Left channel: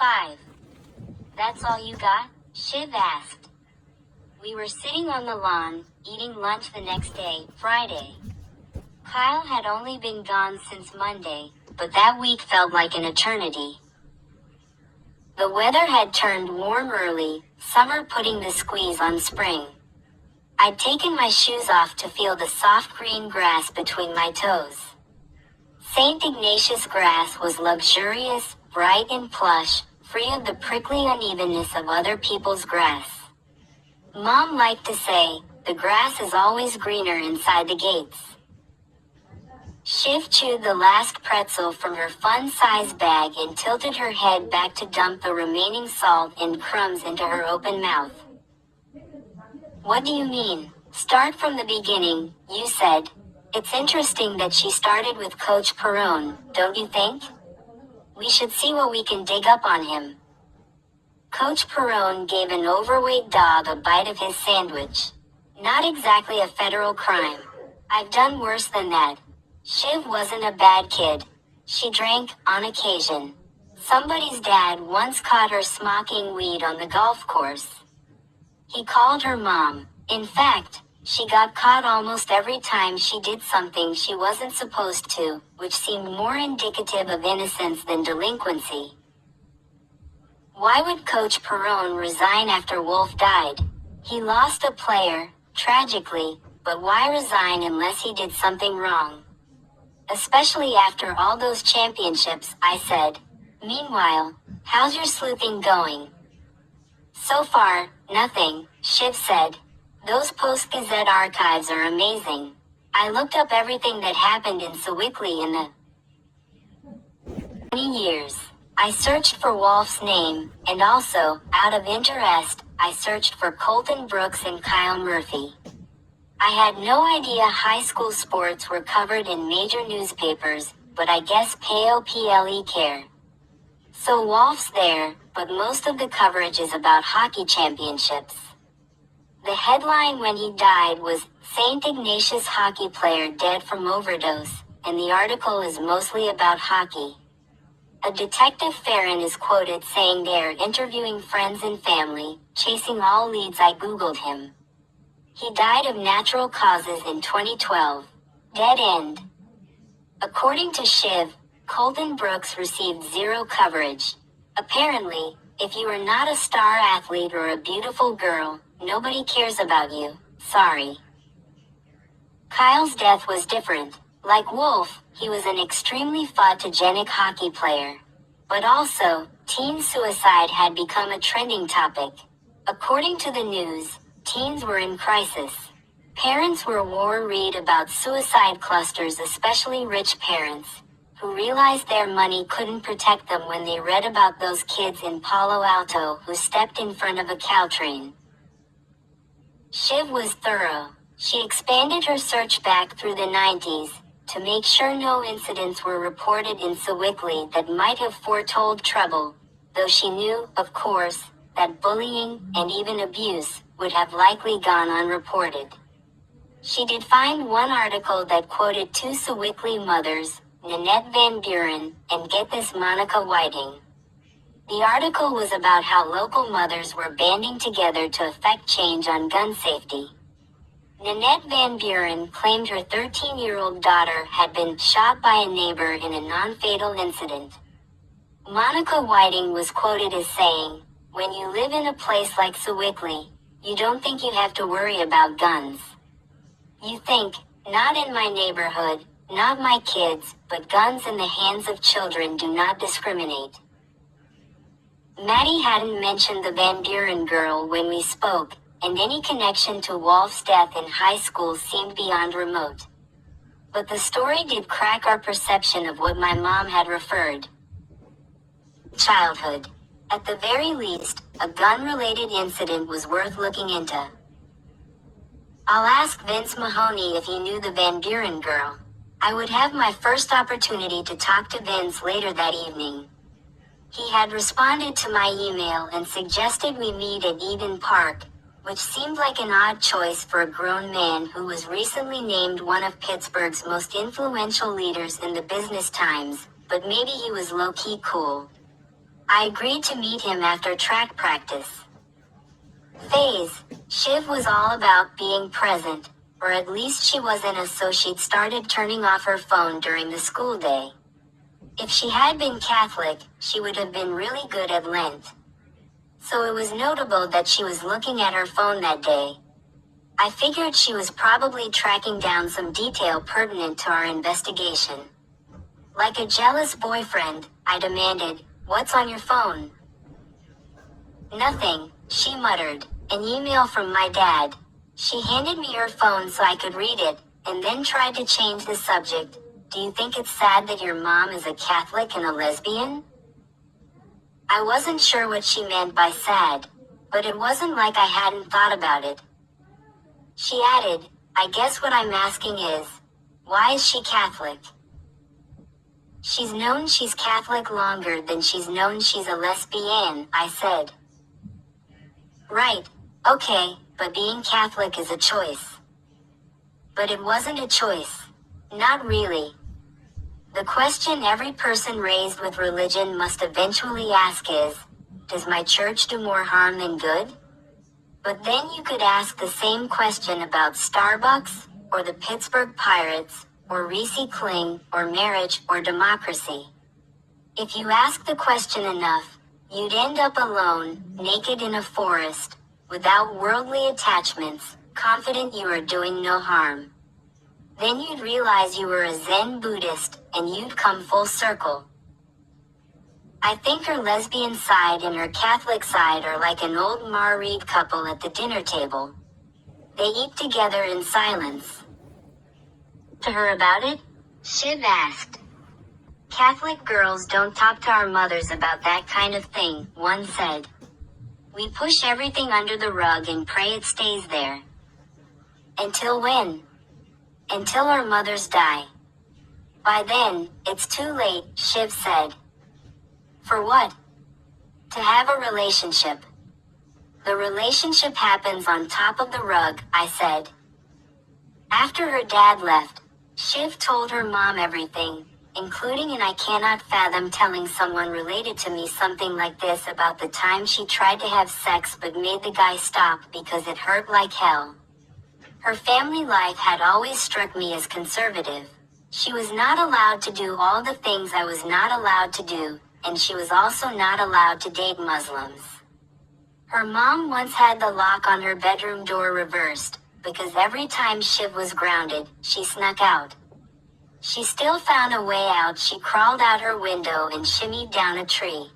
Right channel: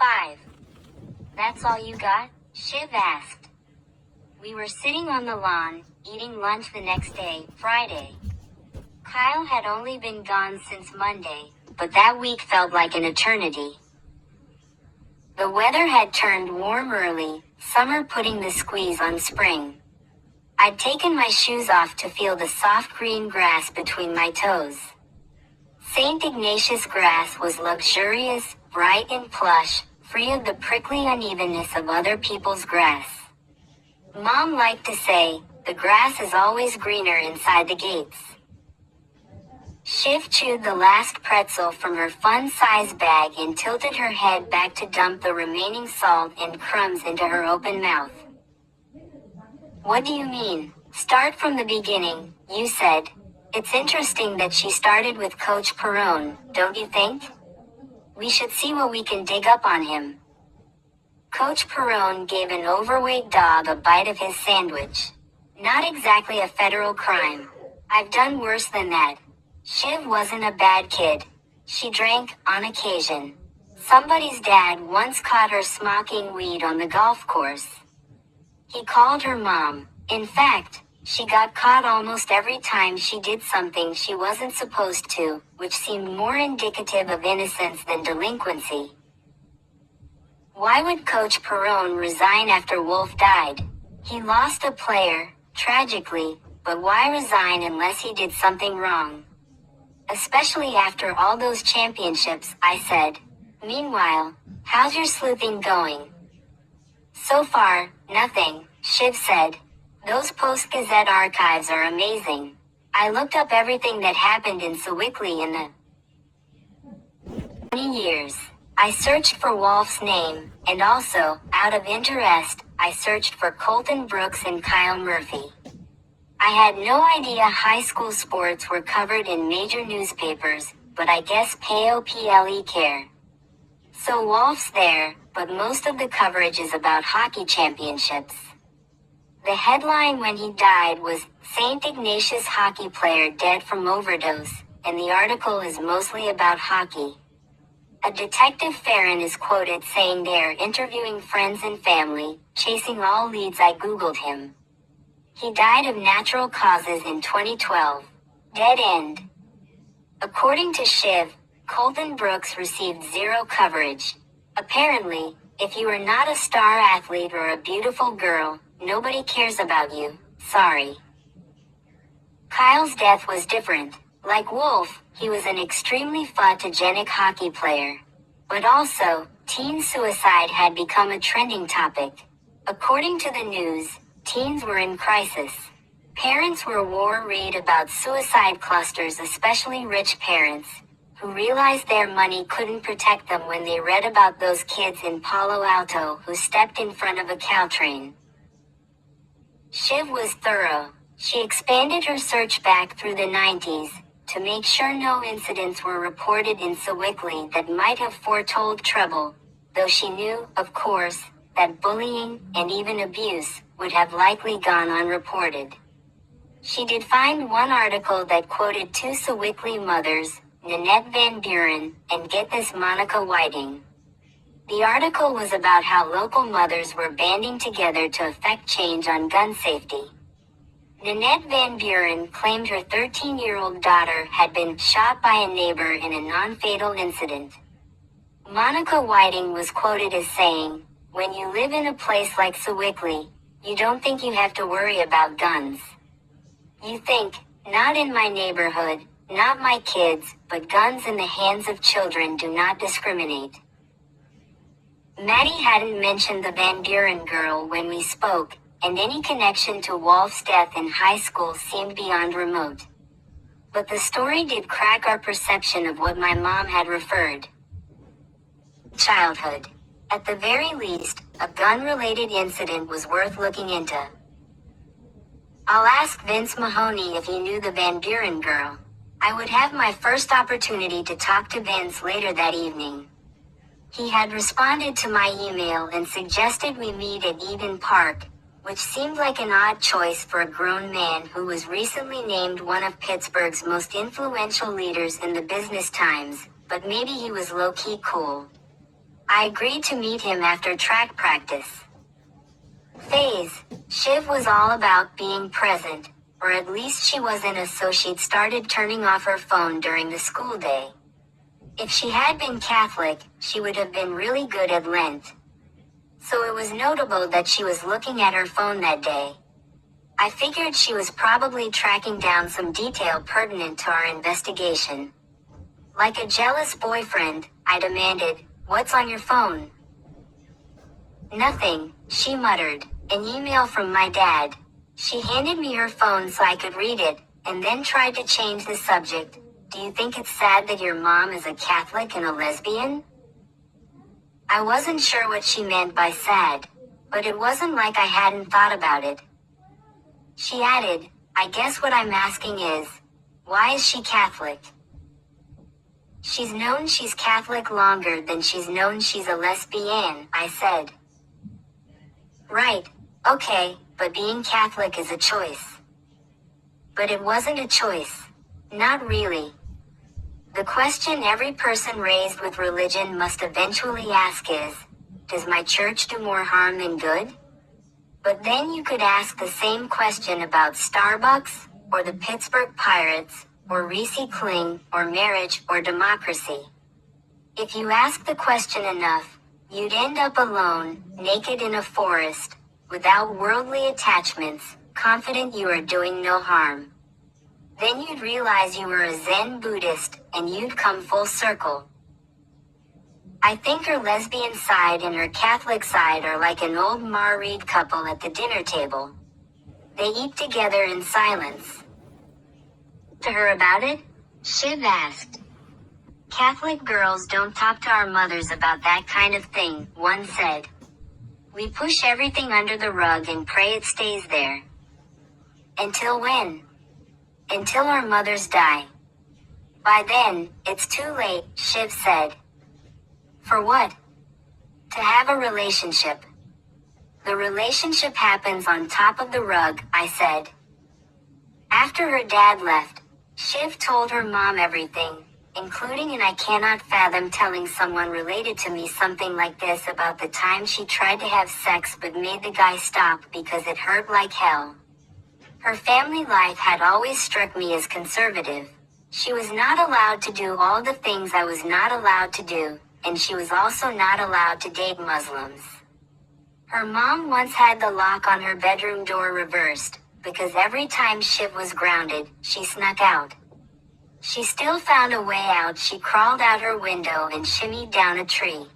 5. That's all you got? Shiv asked. We were sitting on the lawn, eating lunch the next day, Friday. Kyle had only been gone since Monday, but that week felt like an eternity. The weather had turned warm early, summer putting the squeeze on spring. I'd taken my shoes off to feel the soft green grass between my toes. St. Ignatius grass was luxurious, bright and plush, free of the prickly unevenness of other people's grass. Mom liked to say, the grass is always greener inside the gates. Shiv chewed the last pretzel from her fun-size bag and tilted her head back to dump the remaining salt and crumbs into her open mouth. What do you mean? Start from the beginning, you said. It's interesting that she started with Coach Perone, don't you think? We should see what we can dig up on him. Coach Perone gave an overweight dog a bite of his sandwich. Not exactly a federal crime. I've done worse than that. Shiv wasn't a bad kid. She drank, on occasion. Somebody's dad once caught her smoking weed on the golf course. He called her mom. In fact, she got caught almost every time she did something she wasn't supposed to, which seemed more indicative of innocence than delinquency. Why would Coach Perone resign after Wolf died? He lost a player, tragically, but why resign unless he did something wrong? Especially after all those championships, I said. Meanwhile, how's your sleuthing going? So far, nothing, Shiv said. Those Post-Gazette archives are amazing. I looked up everything that happened in Sewickley in the 20 years. I searched for Wolf's name, and also, out of interest, I searched for Colton Brooks and Kyle Murphy. I had no idea high school sports were covered in major newspapers, but I guess POPLE care. So Wolf's there, but most of the coverage is about hockey championships. The headline when he died was, St. Ignatius hockey player dead from overdose, and the article is mostly about hockey. A Detective Farron is quoted saying they are interviewing friends and family, chasing all leads. I googled him. He died of natural causes in 2012. Dead end. According to Shiv, Colton Brooks received zero coverage. Apparently, if you are not a star athlete or a beautiful girl, nobody cares about you. Sorry. Kyle's death was different. Like Wolf, he was an extremely photogenic hockey player. But also, teen suicide had become a trending topic. According to the news, teens were in crisis. Parents were worried about suicide clusters, especially rich parents, who realized their money couldn't protect them when they read about those kids in Palo Alto who stepped in front of a Caltrain. Shiv was thorough. She expanded her search back through the 90s, to make sure no incidents were reported in Sewickley that might have foretold trouble, though she knew, of course, that bullying, and even abuse, would have likely gone unreported. She did find one article that quoted two Sewickley mothers, Nanette Van Buren, and get this, Monica Whiting. The article was about how local mothers were banding together to effect change on gun safety. Nanette Van Buren claimed her 13-year-old daughter had been shot by a neighbor in a non-fatal incident. Monica Whiting was quoted as saying, "When you live in a place like Sewickley, you don't think you have to worry about guns. You think, not in my neighborhood, not my kids, but guns in the hands of children do not discriminate." Maddie hadn't mentioned the Van Buren girl when we spoke, and any connection to Wolf's death in high school seemed beyond remote. But the story did crack our perception of what my mom had referred. Childhood. At the very least, a gun-related incident was worth looking into. I'll ask Vince Mahoney if he knew the Van Buren girl. I would have my first opportunity to talk to Vince later that evening. He had responded to my email and suggested we meet at Eden Park, which seemed like an odd choice for a grown man who was recently named one of Pittsburgh's most influential leaders in the Business Times, but maybe he was low-key cool. I agreed to meet him after track practice. Phase. Shiv was all about being present, or at least she wasn't, so she'd started turning off her phone during the school day. If she had been Catholic, she would have been really good at Lent. So it was notable that she was looking at her phone that day. I figured she was probably tracking down some detail pertinent to our investigation. Like a jealous boyfriend, I demanded, "What's on your phone?" "Nothing," she muttered. "An email from my dad." She handed me her phone so I could read it, and then tried to change the subject. "Do you think it's sad that your mom is a Catholic and a lesbian?" I wasn't sure what she meant by sad, but it wasn't like I hadn't thought about it. She added, "I guess what I'm asking is, why is she Catholic?" "She's known she's Catholic longer than she's known she's a lesbian," I said. "Right, okay, but being Catholic is a choice." But it wasn't a choice. Not really. The question every person raised with religion must eventually ask is, does my church do more harm than good? But then you could ask the same question about Starbucks, or the Pittsburgh Pirates, or Reese Kling, or marriage, or democracy. If you ask the question enough, you'd end up alone, naked in a forest, without worldly attachments, confident you are doing no harm. Then you'd realize you were a Zen Buddhist, and you'd come full circle. I think her lesbian side and her Catholic side are like an old married couple at the dinner table. They eat together in silence. To her about it? Shiv asked. "Catholic girls don't talk to our mothers about that kind of thing," one said. "We push everything under the rug and pray it stays there." Until when? Until our mothers die. By then, it's too late, Shiv said. For what? To have a relationship. The relationship happens on top of the rug, I said. After her dad left, Shiv told her mom everything, including, and I cannot fathom telling someone related to me something like this, about the time she tried to have sex but made the guy stop because it hurt like hell. Her family life had always struck me as conservative. She was not allowed to do all the things I was not allowed to do, and she was also not allowed to date Muslims. Her mom once had the lock on her bedroom door reversed, because every time Shiv was grounded, she snuck out. She still found a way out. She crawled out her window and shimmied down a tree.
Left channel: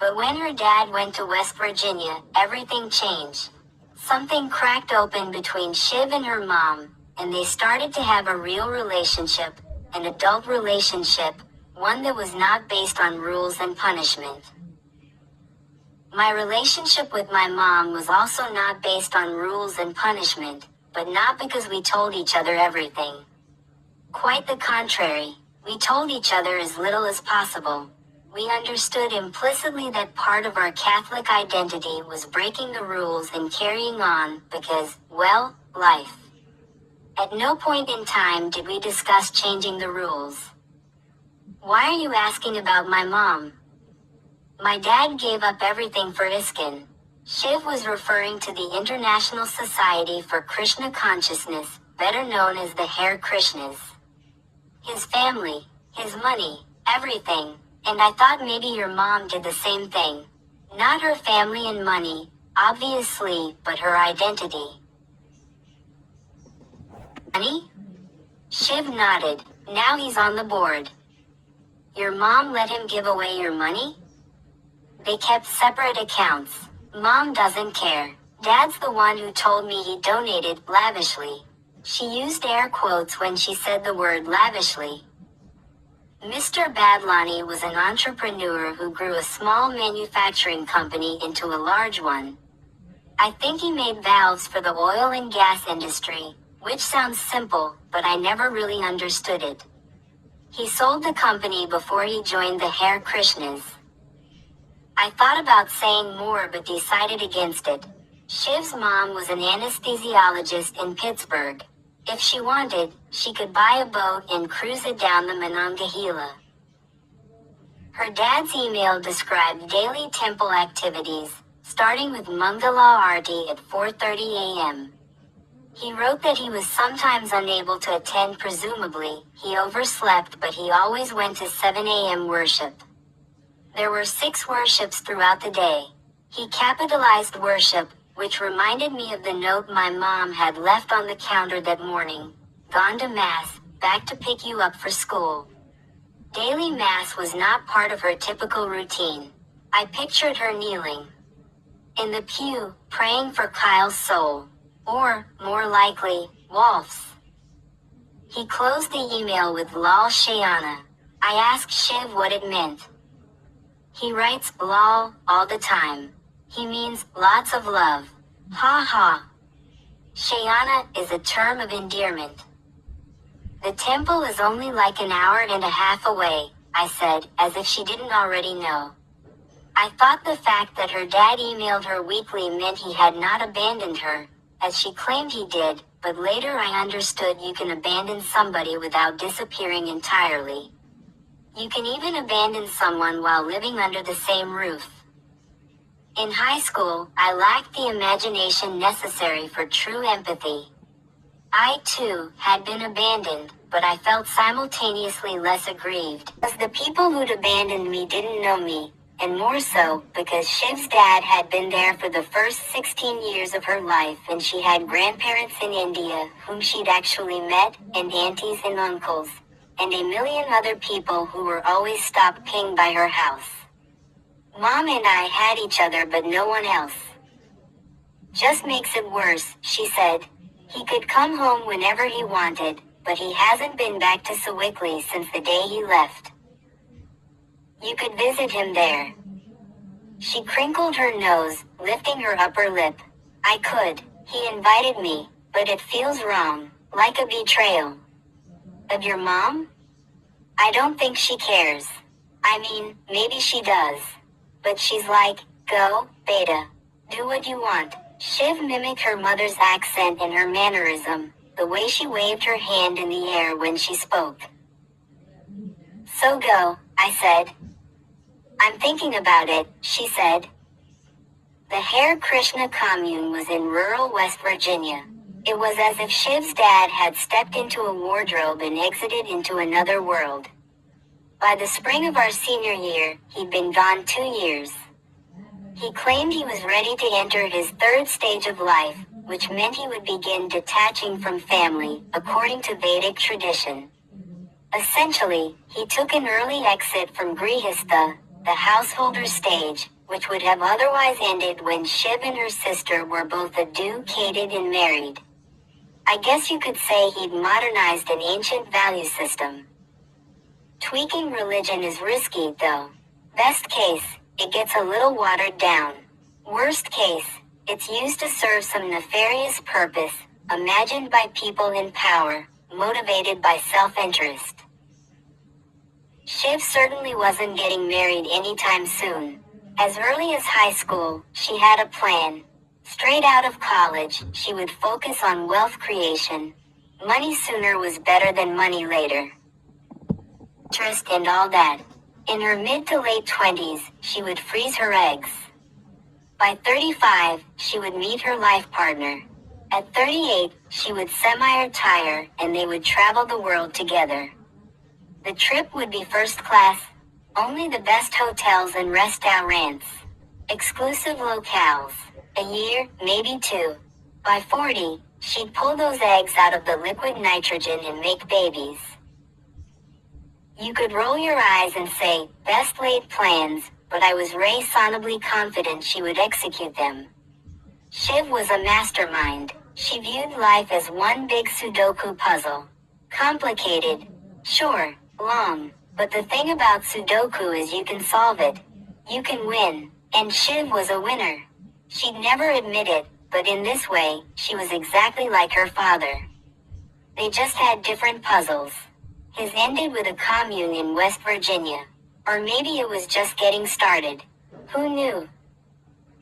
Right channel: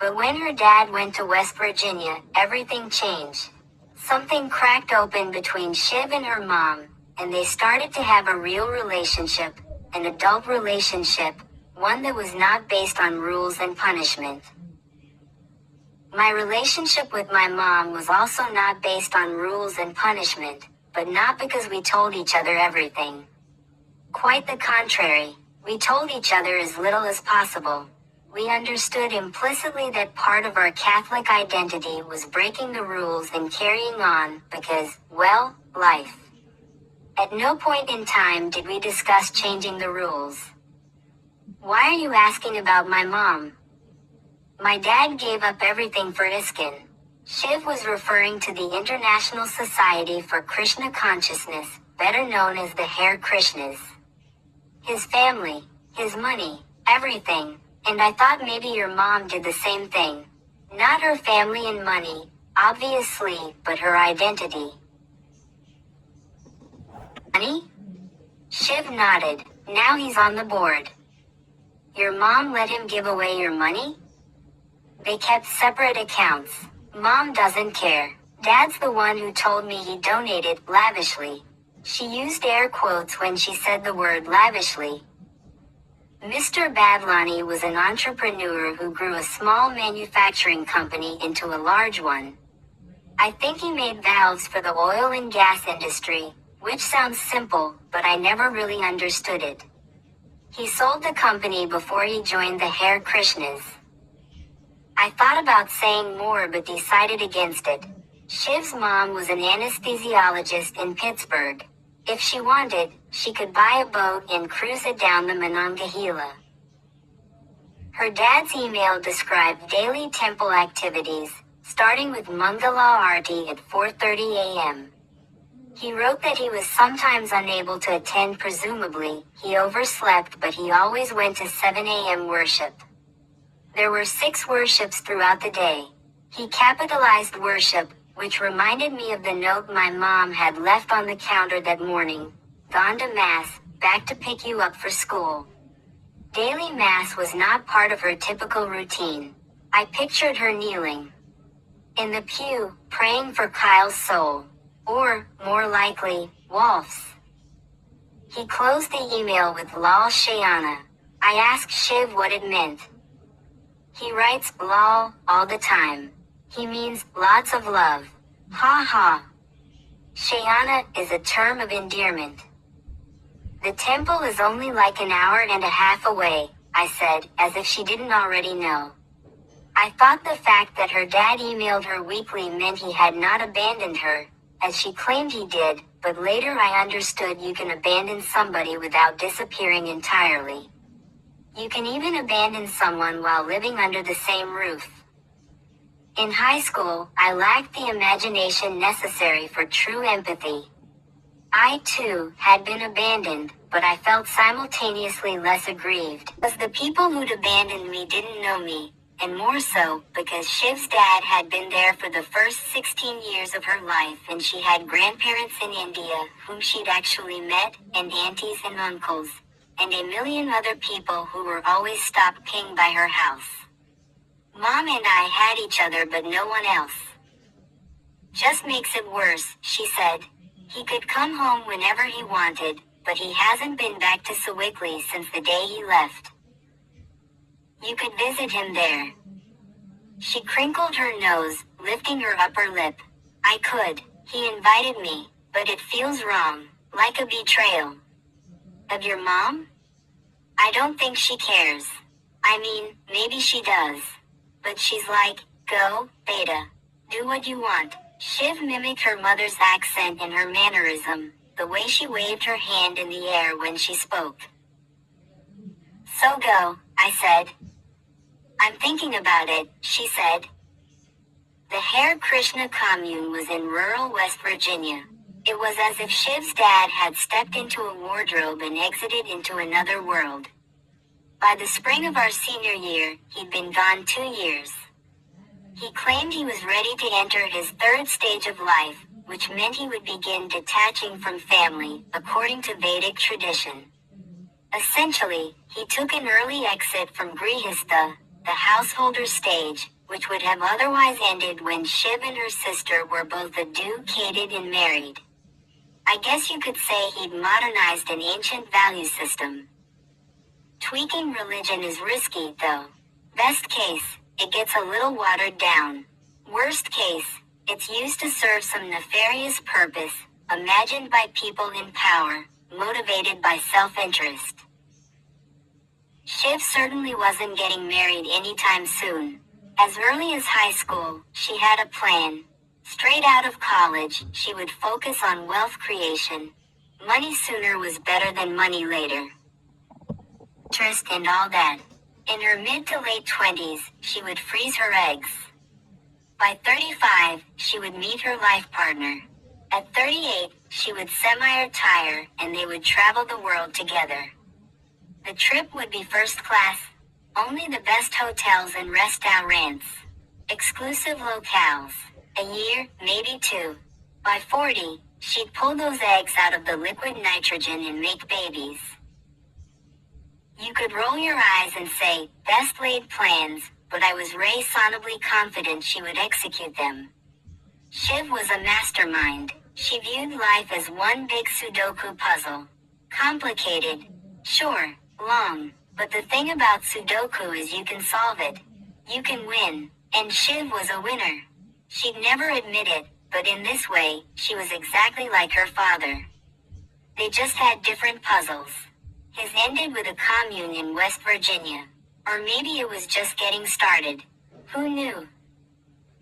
But when her dad went to West Virginia, everything changed. Something cracked open between Shiv and her mom, and they started to have a real relationship, an adult relationship, one that was not based on rules and punishment. My relationship with my mom was also not based on rules and punishment, but not because we told each other everything. Quite the contrary, we told each other as little as possible. We understood implicitly that part of our Catholic identity was breaking the rules and carrying on because, well, life. At no point in time did we discuss changing the rules. Why are you asking about my mom? My dad gave up everything for ISKCON. Shiv was referring to the International Society for Krishna Consciousness, better known as the Hare Krishnas. His family, his money, everything, and I thought maybe your mom did the same thing. Not her family and money, obviously, but her identity. Money? Shiv nodded. Now he's on the board. Your mom let him give away your money? They kept separate accounts. Mom doesn't care. Dad's the one who told me he donated lavishly. She used air quotes when she said the word lavishly. Mr. Badlani was an entrepreneur who grew a small manufacturing company into a large one. I think he made valves for the oil and gas industry, which sounds simple, but I never really understood it. He sold the company before he joined the Hare Krishnas. I thought about saying more but decided against it. Shiv's mom was an anesthesiologist in Pittsburgh. If she wanted, she could buy a boat and cruise it down the Monongahela. Her dad's email described daily temple activities, starting with Mangala Aarti at 4:30 a.m. He wrote that he was sometimes unable to attend. Presumably, he overslept, but he always went to 7 a.m. worship. There were 6 worships throughout the day. He capitalized worship, which reminded me of the note my mom had left on the counter that morning. Gone to Mass, back to pick you up for school. Daily Mass was not part of her typical routine. I pictured her kneeling in the pew, praying for Kyle's soul. Or, more likely, Wolf's. He closed the email with "Lol Shayana." I asked Shiv what it meant. He writes "lol" all the time. He means lots of love. Ha ha. Shayana is a term of endearment. The temple is only like an hour and a half away, I said, as if she didn't already know. I thought the fact that her dad emailed her weekly meant he had not abandoned her, as she claimed he did, but later I understood you can abandon somebody without disappearing entirely. You can even abandon someone while living under the same roof. In high school, I lacked the imagination necessary for true empathy. I, too, had been abandoned, but I felt simultaneously less aggrieved, because the people who'd abandoned me didn't know me, and more so, because Shiv's dad had been there for the first 16 years of her life, and she had grandparents in India whom she'd actually met, and aunties and uncles, and a million other people who were always stopping by her house. Mom and I had each other but no one else. Just makes it worse, she said. He could come home whenever he wanted, but he hasn't been back to Sewickley since the day he left. You could visit him there. She crinkled her nose, lifting her upper lip. I could. He invited me, but it feels wrong, like a betrayal. Of your mom? I don't think she cares. I mean, maybe she does. But she's like, go, beta. Do what you want. Shiv mimicked her mother's accent and her mannerism, the way she waved her hand in the air when she spoke. So go, I said. I'm thinking about it, she said. The Hare Krishna commune was in rural West Virginia. It was as if Shiv's dad had stepped into a wardrobe and exited into another world. By the spring of our senior year, he'd been gone 2 years. He claimed he was ready to enter his 3rd stage of life, which meant he would begin detaching from family, according to Vedic tradition. Essentially, he took an early exit from Grihastha, the householder stage, which would have otherwise ended when Shiv and her sister were both educated and married. I guess you could say he'd modernized an ancient value system. Tweaking religion is risky, though. Best case, it gets a little watered down. Worst case, it's used to serve some nefarious purpose, imagined by people in power, motivated by self-interest. Shiv certainly wasn't getting married anytime soon. As early as high school, she had a plan. Straight out of college, she would focus on wealth creation. Money sooner was better than money later. Interest and all that. In her mid to late 20s, she would freeze her eggs. By 35, she would meet her life partner. At 38, she would semi-retire, and they would travel the world together. The trip would be first class, only the best hotels and restaurants, exclusive locales, a year, maybe 2. By 40, she'd pull those eggs out of the liquid nitrogen and make babies. You could roll your eyes and say, best laid plans, but I was reasonably confident she would execute them. Shiv was a mastermind. She viewed life as one big Sudoku puzzle. Complicated, sure, long, but the thing about Sudoku is you can solve it. You can win, and Shiv was a winner. She'd never admit it, but in this way, she was exactly like her father. They just had different puzzles. His ended with a commune in West Virginia. Or maybe it was just getting started. Who knew?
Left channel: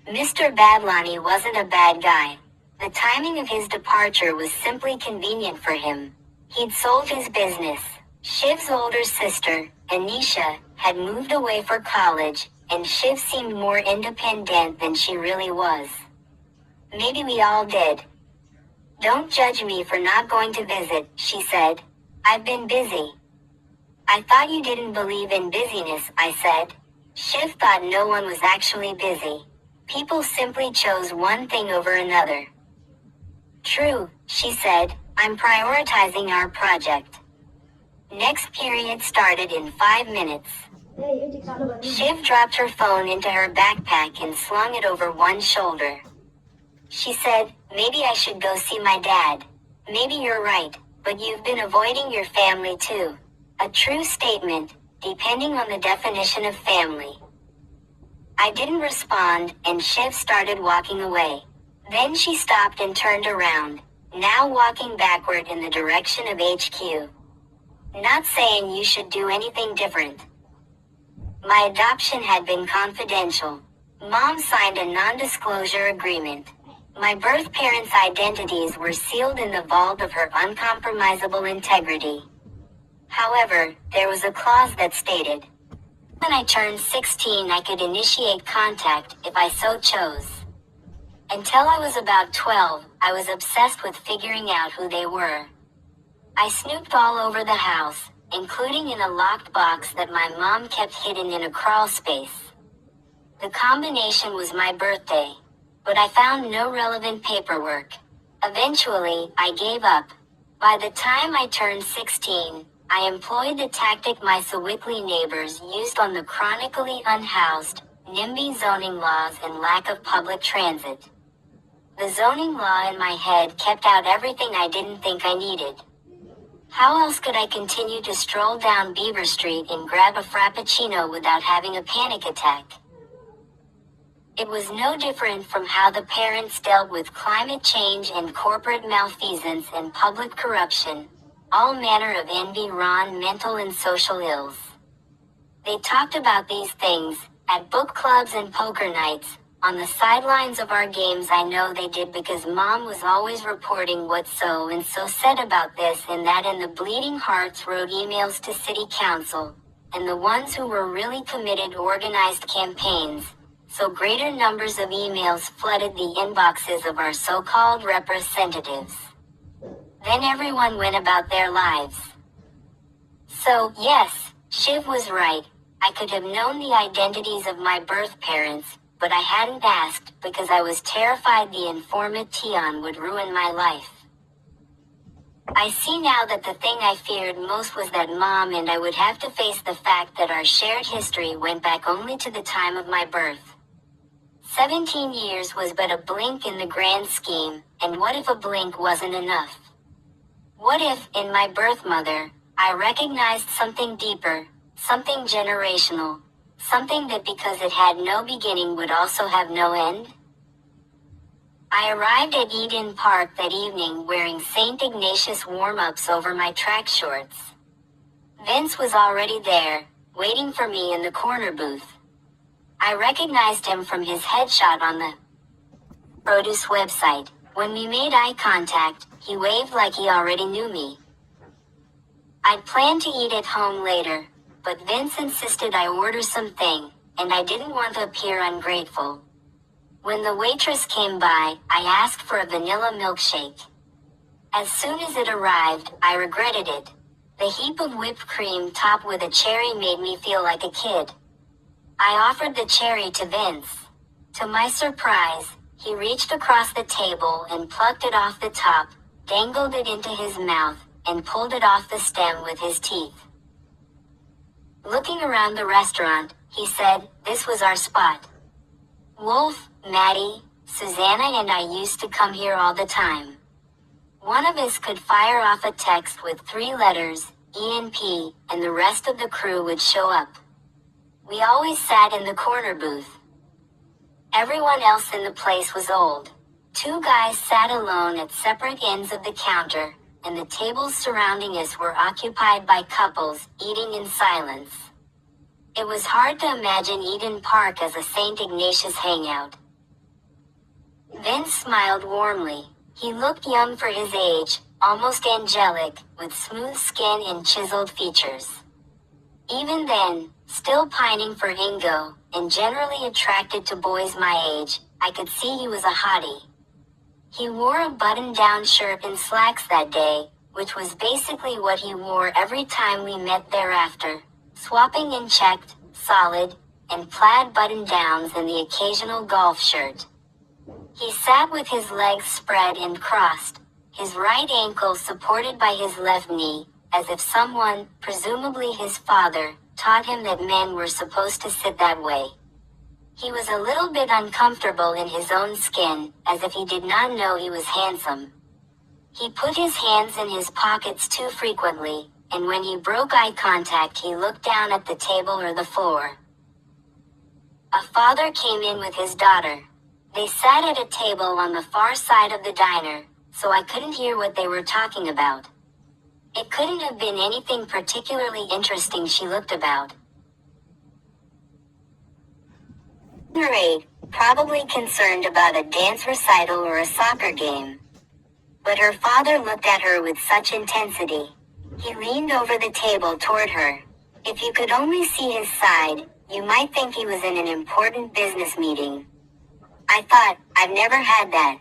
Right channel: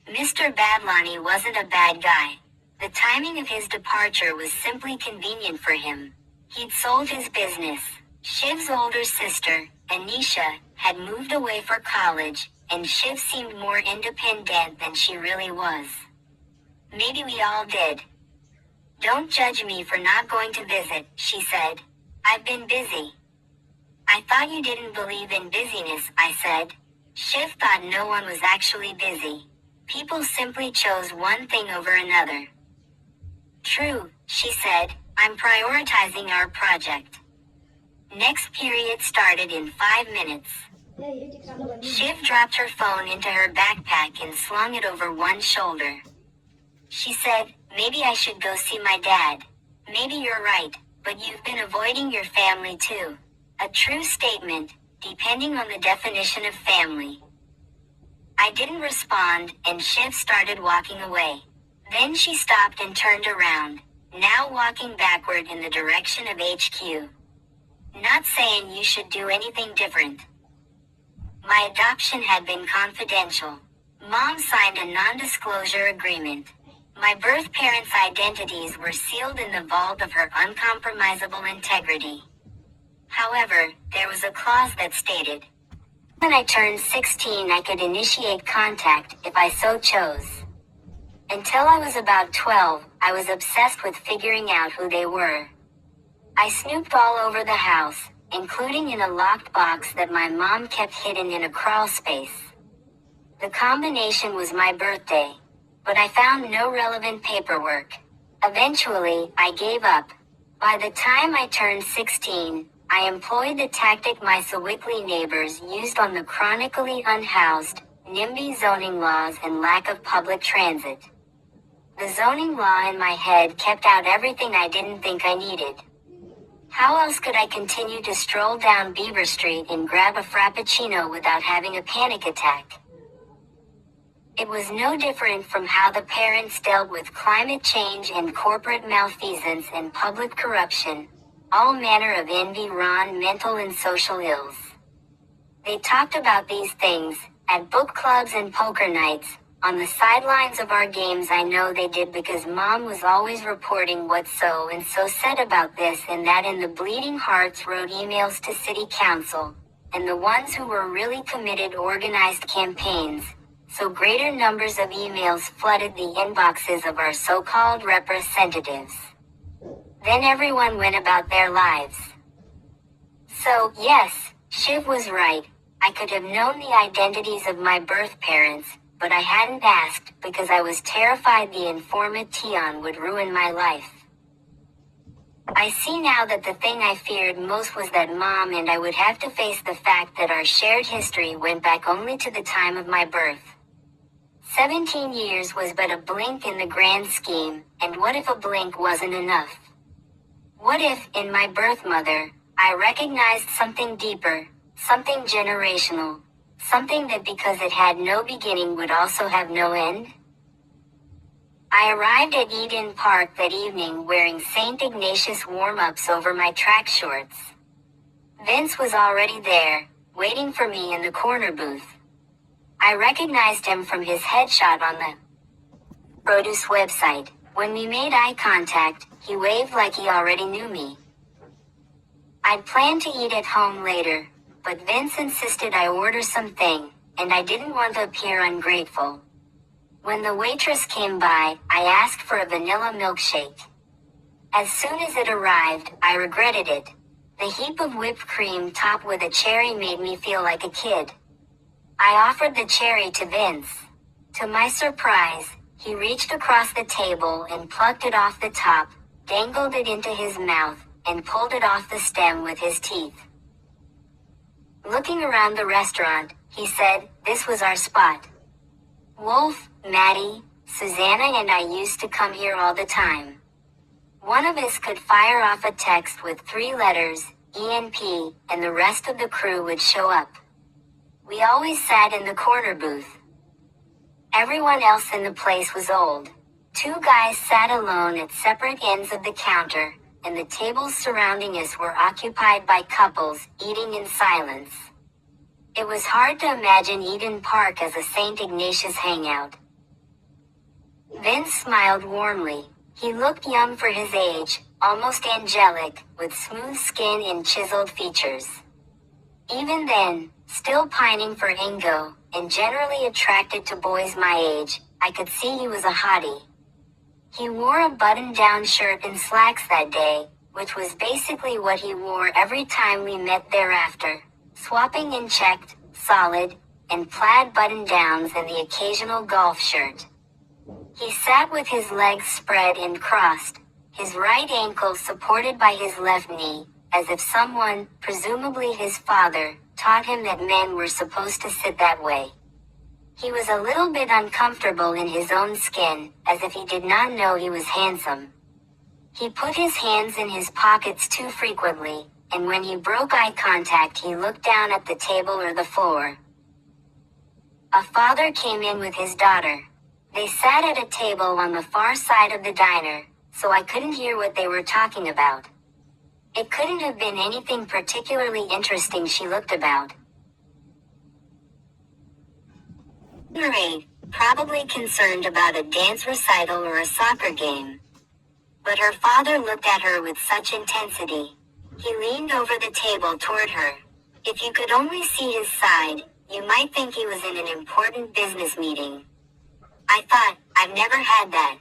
Mr. Badlani wasn't a bad guy. The timing of his departure was simply convenient for him. He'd sold his business. Shiv's older sister, Anisha, had moved away for college, and Shiv seemed more independent than she really was. Maybe we all did. Don't judge me for not going to visit, she said. I've been busy. I thought you didn't believe in busyness, I said. Shiv thought no one was actually busy. People simply chose one thing over another. True, she said. I'm prioritizing our project. Next period started in 5 minutes. Shiv dropped her phone into her backpack and slung it over one shoulder. She said, maybe I should go see my dad. Maybe you're right, but you've been avoiding your family too. A true statement, depending on the definition of family. I didn't respond, and Shiv started walking away. Then she stopped and turned around, now walking backward in the direction of HQ. Not saying you should do anything different. My adoption had been confidential. Mom signed a non-disclosure agreement. My birth parents' identities were sealed in the vault of her uncompromisable integrity. However, there was a clause that stated, when I turned 16 I could initiate contact if I so chose. Until I was about 12, I was obsessed with figuring out who they were. I snooped all over the house, including in a locked box that my mom kept hidden in a crawl space. The combination was my birthday, but I found no relevant paperwork. Eventually, I gave up. By the time I turned 16, I employed the tactic my Sewickley neighbors used on the chronically unhoused, NIMBY zoning laws and lack of public transit. The zoning law in my head kept out everything I didn't think I needed. How else could I continue to stroll down Beaver Street and grab a Frappuccino without having a panic attack? It was no different from how the parents dealt with climate change and corporate malfeasance and public corruption, all manner of envy, mental and social ills. They talked about these things at book clubs and poker nights. On the sidelines of our games I know they did because Mom was always reporting what so and so said about this and that, and the bleeding hearts wrote emails to city council, and the ones who were really committed organized campaigns, so greater numbers of emails flooded the inboxes of our so-called representatives. Then everyone went about their lives. So, yes, Shiv was right. I could have known the identities of my birth parents, but I hadn't asked because I was terrified the informant Tion would ruin my life. I see now that the thing I feared most was that Mom and I would have to face the fact that our shared history went back only to the time of my birth. 17 years was but a blink in the grand scheme, and what if a blink wasn't enough? What if, in my birth mother, I recognized something deeper, something generational, something that because it had no beginning would also have no end? I arrived at Eden Park that evening wearing St. Ignatius warm-ups over my track shorts. Vince was already there, waiting for me in the corner booth. I recognized him from his headshot on the produce website. When we made eye contact, he waved like he already knew me. I'd planned to eat at home later, but Vince insisted I order something, and I didn't want to appear ungrateful. When the waitress came by, I asked for a vanilla milkshake. As soon as it arrived, I regretted it. The heap of whipped cream topped with a cherry made me feel like a kid. I offered the cherry to Vince. To my surprise, he reached across the table and plucked it off the top, dangled it into his mouth, and pulled it off the stem with his teeth. Looking around the restaurant, he said, "This was our spot. Wolf, Maddie, Susanna and I used to come here all the time. One of us could fire off a text with 3 letters, ENP, and the rest of the crew would show up. We always sat in the corner booth. Everyone else in the place was old. 2 guys sat alone at separate ends of the counter, and the tables surrounding us were occupied by couples, eating in silence. It was hard to imagine Eden Park as a St. Ignatius hangout." Vince smiled warmly. He looked young for his age, almost angelic, with smooth skin and chiseled features. Even then, still pining for Ingo, and generally attracted to boys my age, I could see he was a hottie. He wore a button-down shirt and slacks that day, which was basically what he wore every time we met thereafter, swapping in checked, solid, and plaid button-downs and the occasional golf shirt. He sat with his legs spread and crossed, his right ankle supported by his left knee, as if someone, presumably his father, taught him that men were supposed to sit that way. He was a little bit uncomfortable in his own skin, as if he did not know he was handsome. He put his hands in his pockets too frequently, and when he broke eye contact he looked down at the table or the floor. A father came in with his daughter. They sat at a table on the far side of the diner, so I couldn't hear what they were talking about. It couldn't have been anything particularly interesting she looked about. Number 8, probably concerned about a dance recital or a soccer game. But her father looked at her with such intensity. He leaned over the table toward her. If you could only see his side, you might think he was in an important business meeting. I thought, I've never had that.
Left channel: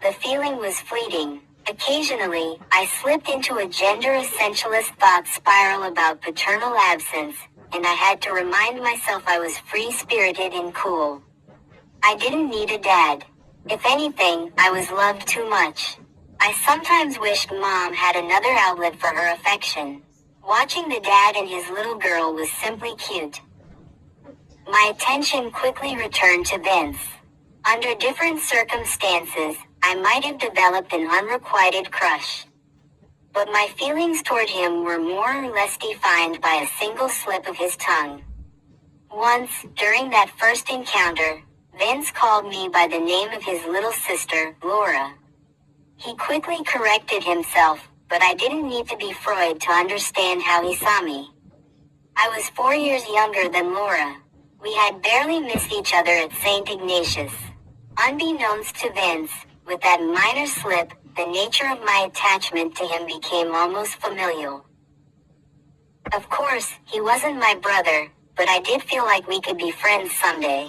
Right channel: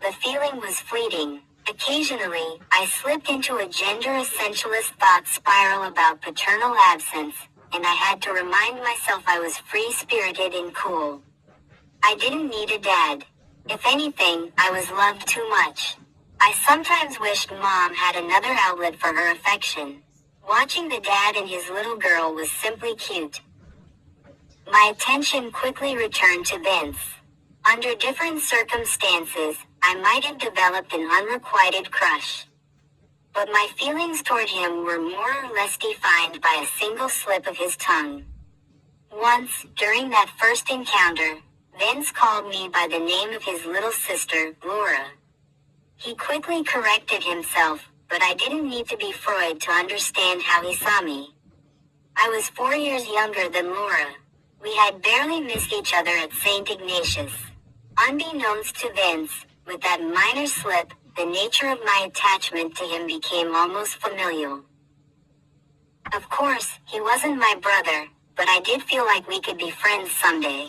The feeling was fleeting. Occasionally, I slipped into a gender essentialist thought spiral about paternal absence, and I had to remind myself I was free-spirited and cool. I didn't need a dad. If anything, I was loved too much. I sometimes wished Mom had another outlet for her affection. Watching the dad and his little girl was simply cute. My attention quickly returned to Vince. Under different circumstances, I might have developed an unrequited crush. But my feelings toward him were more or less defined by a single slip of his tongue. Once, during that first encounter, Vince called me by the name of his little sister, Laura. He quickly corrected himself, but I didn't need to be Freud to understand how he saw me. I was 4 years younger than Laura. We had barely missed each other at St. Ignatius. Unbeknownst to Vince, with that minor slip, the nature of my attachment to him became almost familial. Of course, he wasn't my brother, but I did feel like we could be friends someday.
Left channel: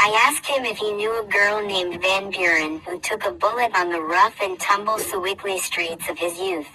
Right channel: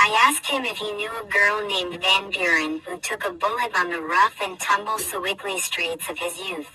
I asked him if he knew a girl named Van Buren who took a bullet on the rough and tumble Sewickley streets of his youth.